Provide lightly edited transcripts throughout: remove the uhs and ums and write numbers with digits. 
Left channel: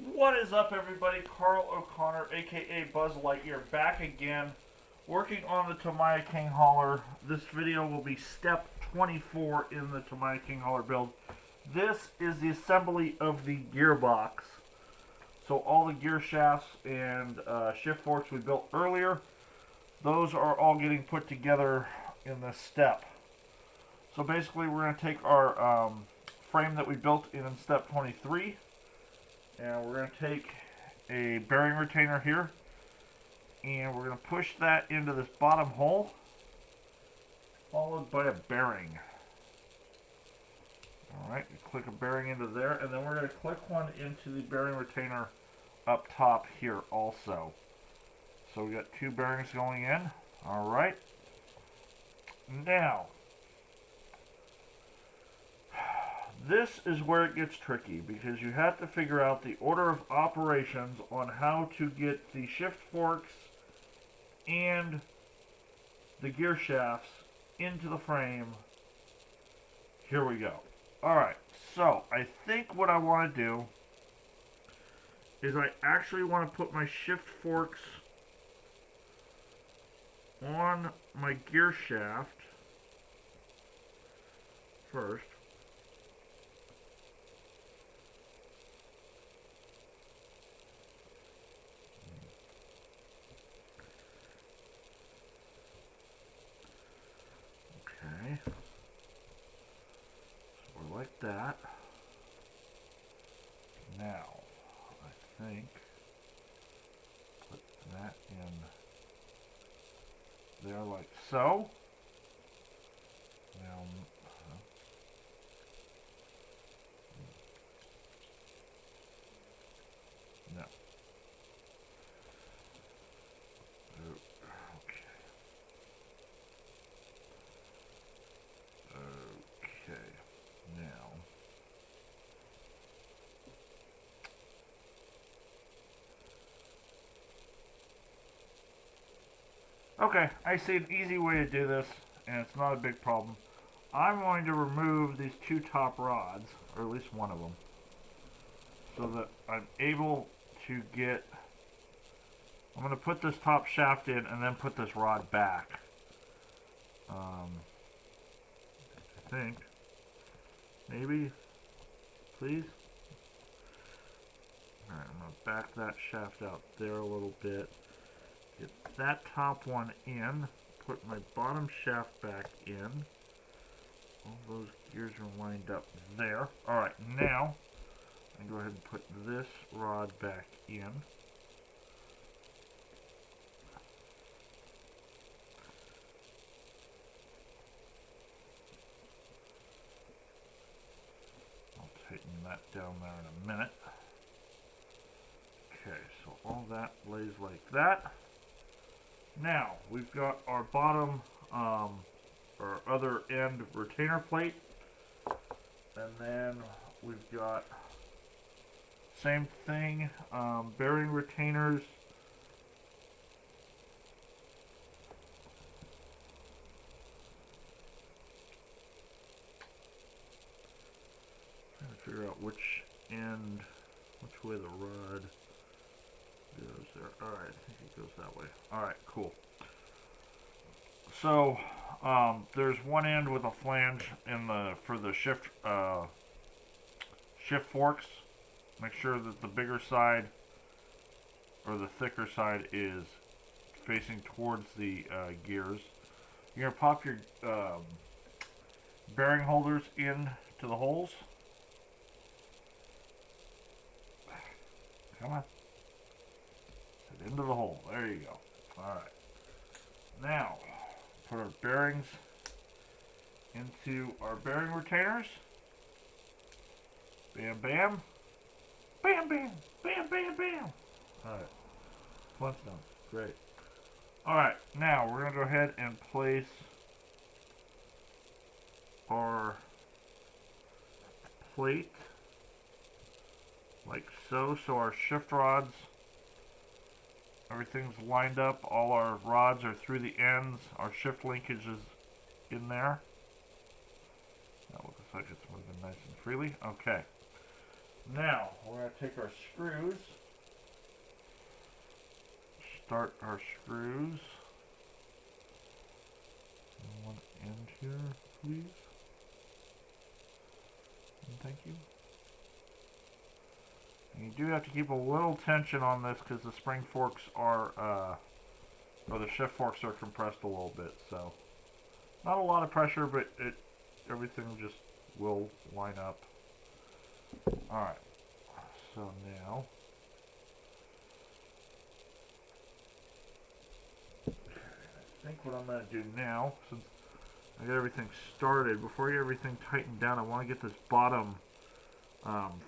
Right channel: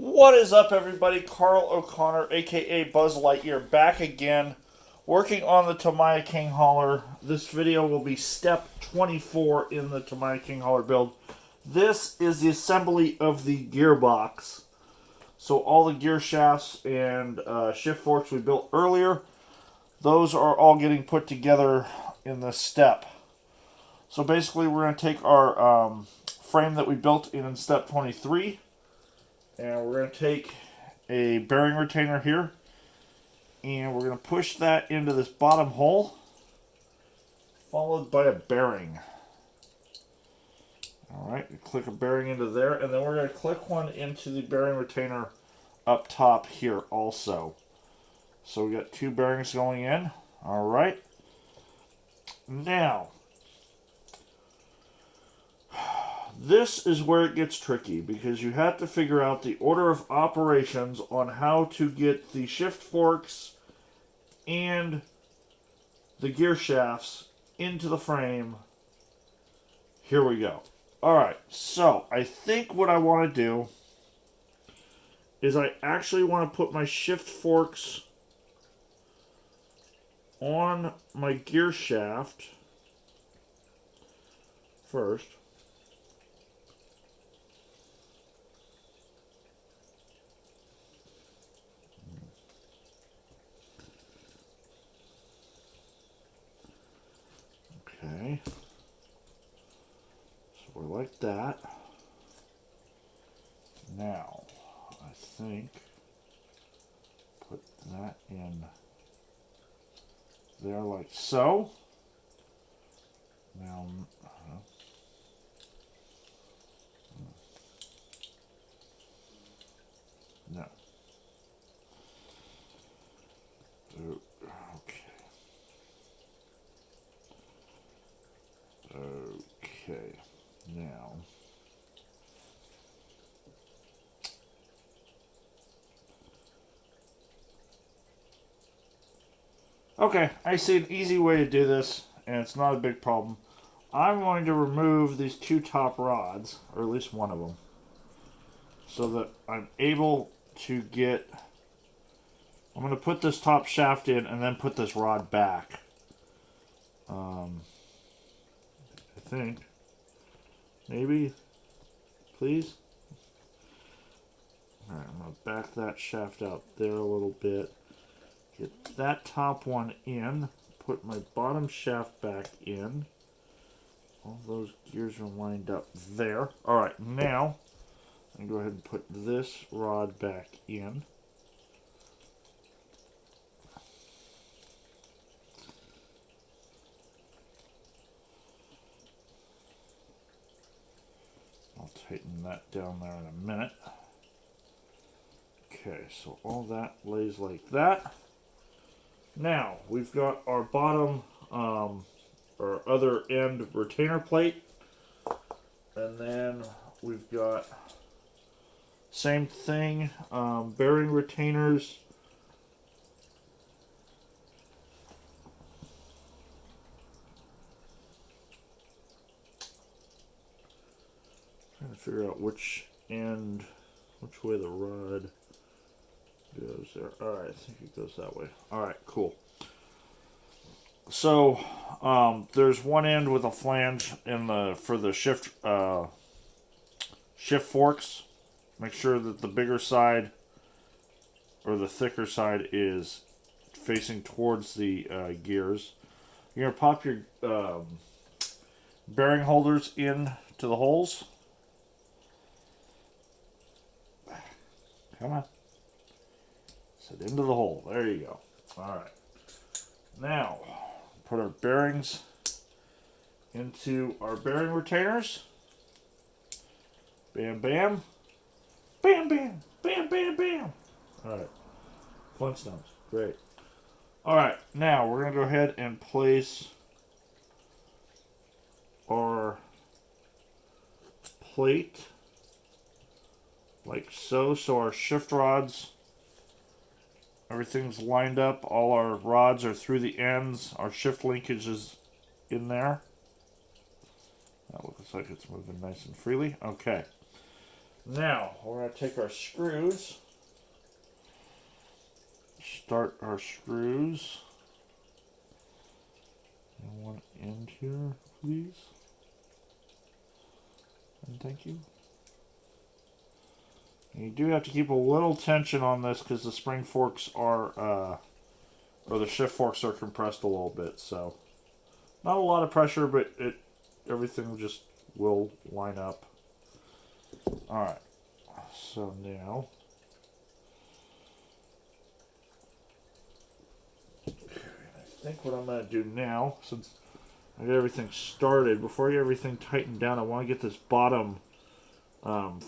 What is up, everybody? Carl O'Connor, aka Buzz Lightyear, back again, working on the Tamiya King Hauler. This video will be step 24 in the Tamiya King Hauler build. This is the assembly of the gearbox. So all the gear shafts and shift forks we built earlier, those are all getting put together in this step. So basically we're going to take our frame that we built in step 23, and we're going to take a bearing retainer here, and we're going to push that into this bottom hole, followed by a bearing. Alright, click a bearing into there, and then we're going to click one into the bearing retainer up top here also. So we got two bearings going in. Alright. Now, this is where it gets tricky, because you have to figure out the order of operations on how to get the shift forks and the gear shafts into the frame. Here we go. Alright, so I think what I want to do is I actually want to put my shift forks on my gear shaft first. Okay. So we're like that. Now, I think put that in there like so. Now, no. Okay. Okay. Now. Okay, I see an easy way to do this, and it's not a big problem. I'm going to remove these two top rods, or at least one of them, so that I'm able to get... I'm going to put this top shaft in and then put this rod back. I think. Maybe. Please. Alright, I'm going to back that shaft out there a little bit. Get that top one in. Put my bottom shaft back in. All those gears are lined up there. Alright, now I'm going to go ahead and put this rod back in. I'll tighten that down there in a minute. Okay, so all that lays like that. Now, we've got our bottom, or other end retainer plate. And then we've got, same thing, bearing retainers. Trying to figure out which end, which way the rod goes there. Alright, I think it goes that way. Alright, cool. So, there's one end with a flange in the for the shift forks. Make sure that the bigger side, or the thicker side, is facing towards the gears. You're going to pop your bearing holders in to the holes. Come on. Set into the hole. There you go. Alright. Now, put our bearings into our bearing retainers. Bam, bam. Bam, bam. Bam, bam, bam. Alright. Flintstones. Great. Alright. Now, we're going to go ahead and place our plate like so. So our shift rods, everything's lined up. All our rods are through the ends. Our shift linkage is in there. That looks like it's moving nice and freely. Okay. Now, we're going to take our screws, start our screws. One end here, please. And thank you. And you do have to keep a little tension on this because the spring forks are, or the shift forks are compressed a little bit. So, not a lot of pressure, but everything just will line up. Alright, so now, I think what I'm going to do now, since I got everything started, before I get everything tightened down, I want to get this bottom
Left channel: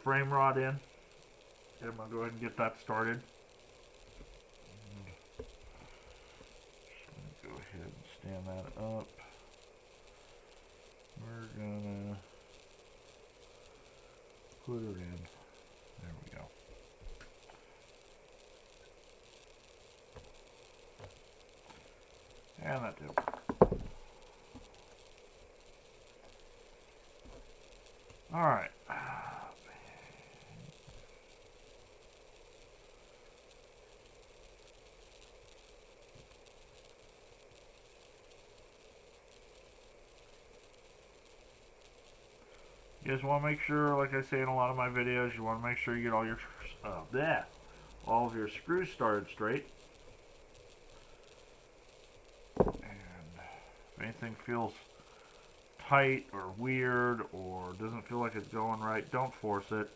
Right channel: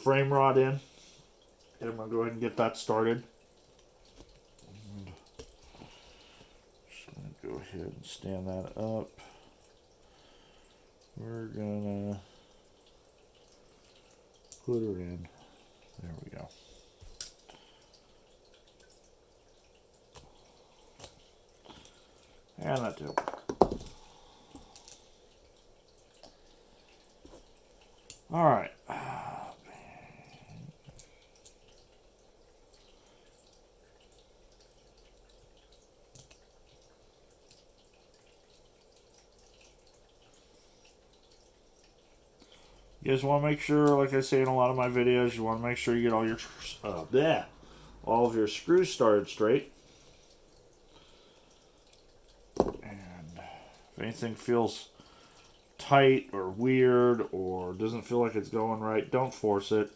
frame rod in. And I'm going to go ahead and get that started. And just going to go ahead and stand that up. We're going to put her in. There we go. And that did work. Alright. You just want to make sure, like I say in a lot of my videos, you want to make sure you get all your all of your screws started straight. And if anything feels tight or weird or doesn't feel like it's going right, don't force it.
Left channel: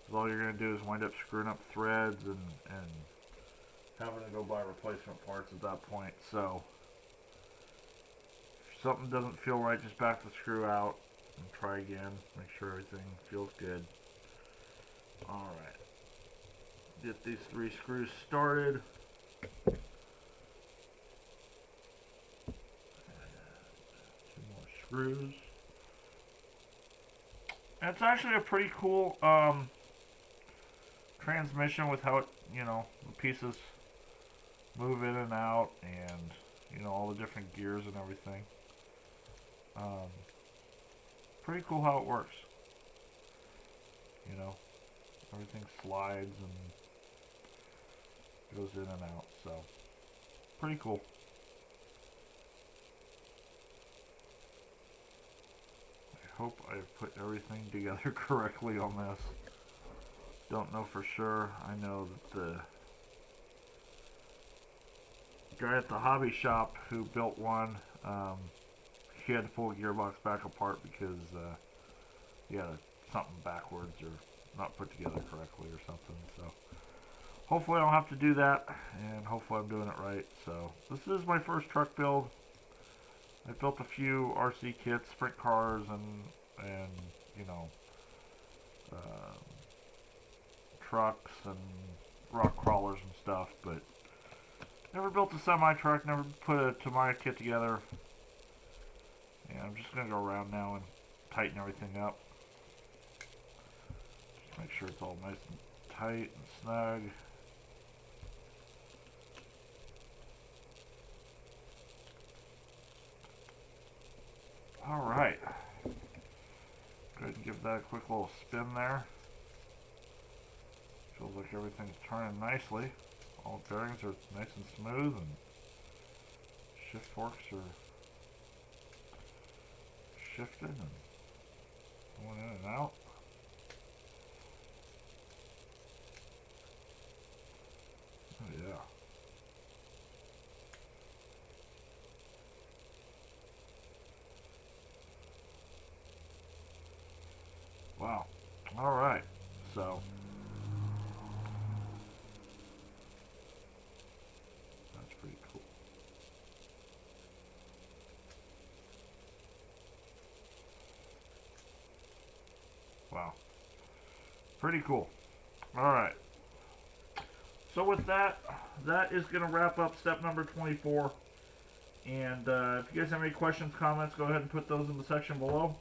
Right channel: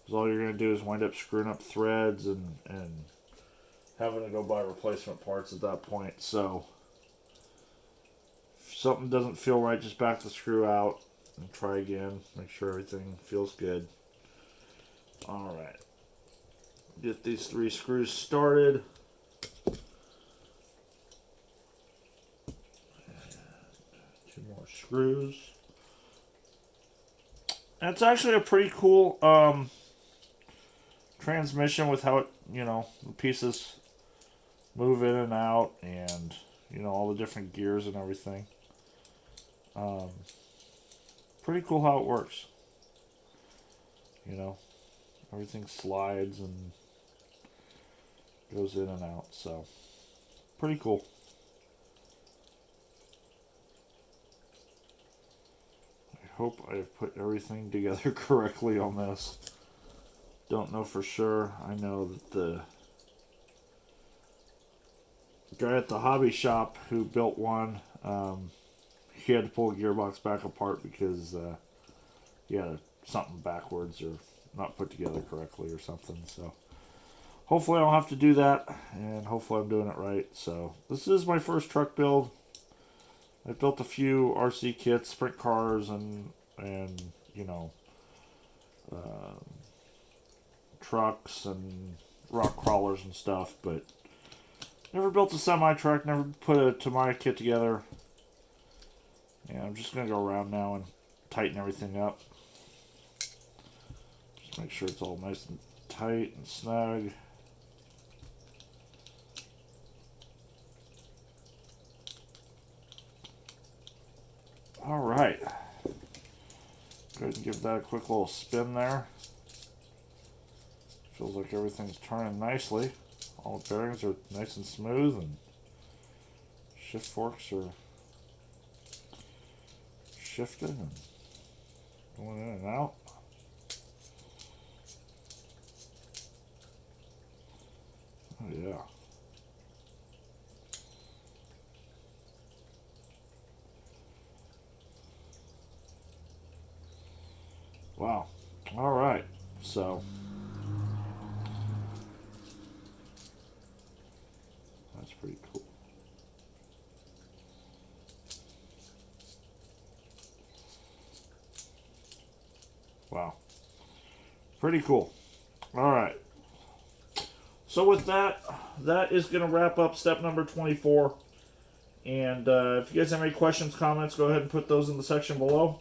Because all you're going to do is wind up screwing up threads and having to go buy replacement parts at that point. So if something doesn't feel right, just back the screw out and try again. Make sure everything feels good. Alright. Get these 3 screws started. Screws. And it's actually a pretty cool transmission with how it, the pieces move in and out, and all the different gears and everything. Pretty cool how it works. Everything slides and goes in and out, so pretty cool. Hope I've put everything together correctly on this. Don't know for sure. I know that the guy at the hobby shop who built one, he had to pull a gearbox back apart because he had something backwards or not put together correctly or something. So hopefully I don't have to do that, and hopefully I'm doing it right. So this is my first truck build. I built a few RC kits, sprint cars, and trucks and rock crawlers and stuff, but never built a semi truck. Never put a Tamiya kit together. And I'm just gonna go around now and tighten everything up. Just make sure it's all nice and tight and snug. Alright. Go ahead and give that a quick little spin there. Feels like everything's turning nicely. All the bearings are nice and smooth, and shift forks are shifted and going in and out. Oh yeah. Wow. All right. So that's pretty cool. Wow. Pretty cool. All right. So with that, that is going to wrap up step number 24. And if you guys have any questions, comments, go ahead and put those in the section below.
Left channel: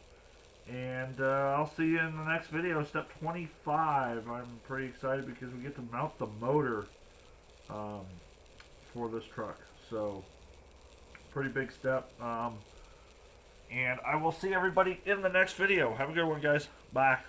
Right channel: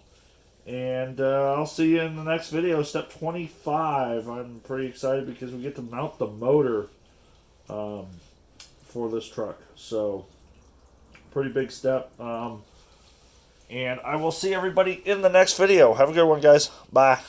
And I'll see you in the next video, step 25. I'm pretty excited because we get to mount the motor for this truck. So, pretty big step. And I will see everybody in the next video. Have a good one, guys. Bye.